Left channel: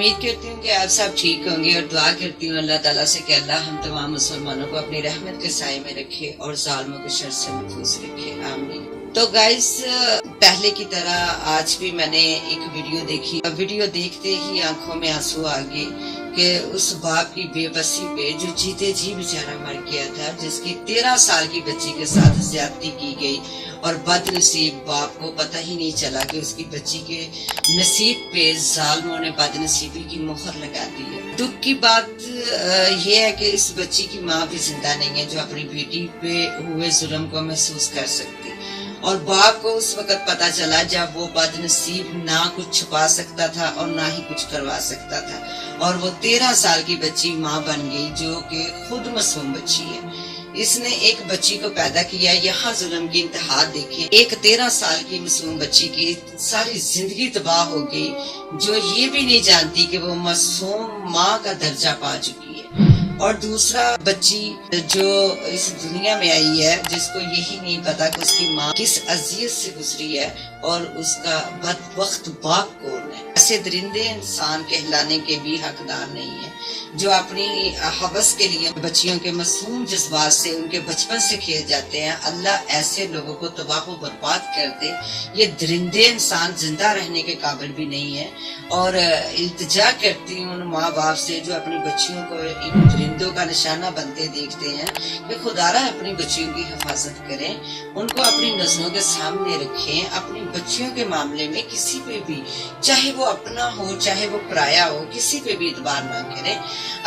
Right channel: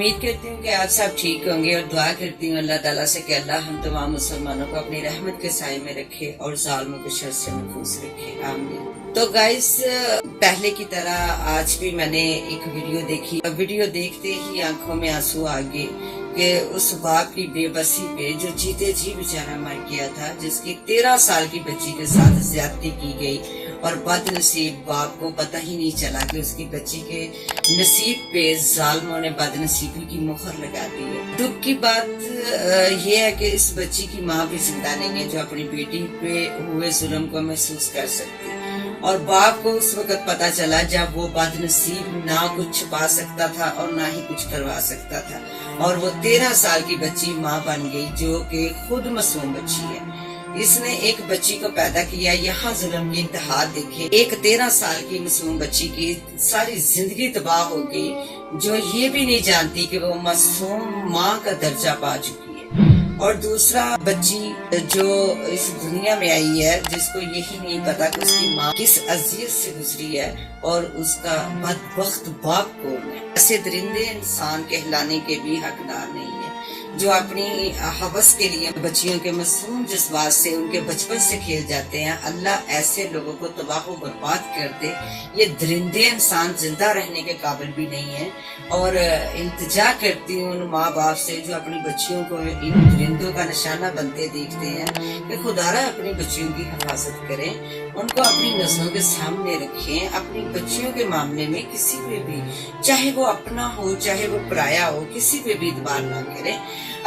उम्मीद करती हूँ कि आप सब ठीक होंगे और दुआ करती हूँ अल्लाह ताला से कि अल्लाह हम तमाम मुसलमानों को अपनी रहमत के साए में रखे और जालिमों के शर से महफूज रखे, आमीन। तो गाइस, पहले की तरह आज भी मैंने एक वीडियो देखी। वीडियो देखते ही आंखों में आंसू आ गए कि उस बाप की बेबसी पे जो जीते जी बेचारा मर गया था, जिसकी 13 साल की बच्ची के साथ ज्यादती की गई और बदनसीब बाप को पता ही नहीं चला कि उसकी बच्ची के नसीब पे जालिमों ने बदनसीबी की मुहर लगा दी है। दुख की बात यह है कि इस बच्ची की माँ भी जिंदा नहीं है जो अपनी बेटी पे हुए जुल्म को महसूस कर सकती, और बाप को उस वक्त पता चला जब वो बदनसीब ना कुछ छुपा सकता था और ना ही कुछ करवा सकता था, और वो 13 साल की बच्ची माँ बन गई जो कि खुद मासूम बच्ची है। इसने एक बच्ची को पैदा किया, यहाँ जुल्म की इंतहा देखे। एक 13 साल की मासूम बच्ची की सारी जिंदगी तबाह हो गई, जो ये भी नहीं जानती कि वो मासूम माँ का दर्जा पा चुकी है। और दूसरा बच्ची जो इस दुनिया में आई है, जिसको यही नहीं पता कि उसकी माँ किस अजियत से गुजरी है और उसका बदबख्त बाप कौन है। ऐसे दरिंदे इंसान कहलाने के भी हकदार नहीं है, जो अपनी हवस के लिए बच्चियों के मासूम जज्बात से उनके बचपन से खेल जाते हैं। अल्लाह ऐसे लोगों को तबाह व बर्बाद कर दे। ये दरिंदे इंसान जिंदा रहने के काबिल भी नहीं है। और इल्तिजा करती हूँ उन माँ बाप से जो अपनी बच्चियों को इन दरिंदों का निशाना बनते देखते हैं कि खुदारा अपनी बच्चियों की हिफाजत करें, उनको अपनी नजरों के सामने रखें। अपनी बच्चियों के मामले में किसी पे भी, चाहे वो अपना हो चाहे वो पराया हो, किसी पे भी इतबार ना करें।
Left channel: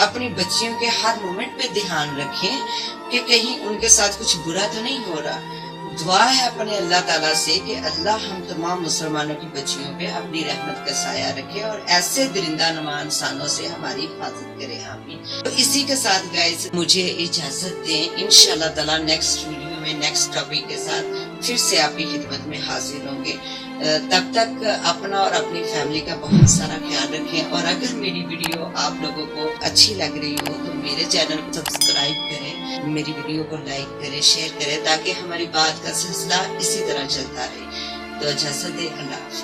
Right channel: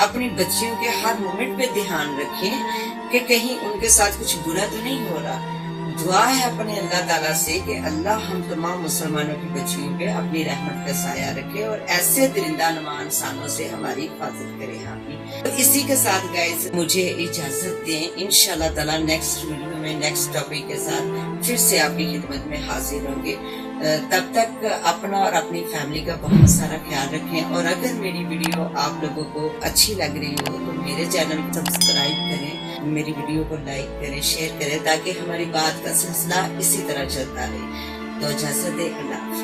अपनी बच्चियों के हर मोमेंट पे ध्यान रखें कि कहीं उनके साथ कुछ बुरा तो नहीं हो रहा। दुआ है अपने अल्लाह ताला से कि अल्लाह हम तमाम मुसलमानों की बच्चियों पे अपनी रहमत का साया रखे और ऐसे दरिंदा नुमा इंसानों से हमारी हिफाजत करे, आमीन। तो इसी के साथ गाइस मुझे इजाजत दें। इंशाल्लाह ताला नेक्स्ट वीडियो में नेक्स्ट टॉपिक के साथ फिर से आपकी खिदमत में हाजिर होंगे। तब तक अपना और अपनी फैमिली का बहुत सारा ख्याल रखें। और अगर मेरी वीडियो आप लोगों को अच्छी लग रही हो तो मेरे चैनल को सब्सक्राइब करें, मेरी वीडियो को लाइक करें, शेयर करें, ताकि हमारी बात का सिलसिला इसी तरह चलता रहे। तो इजाजत दें, अल्लाह।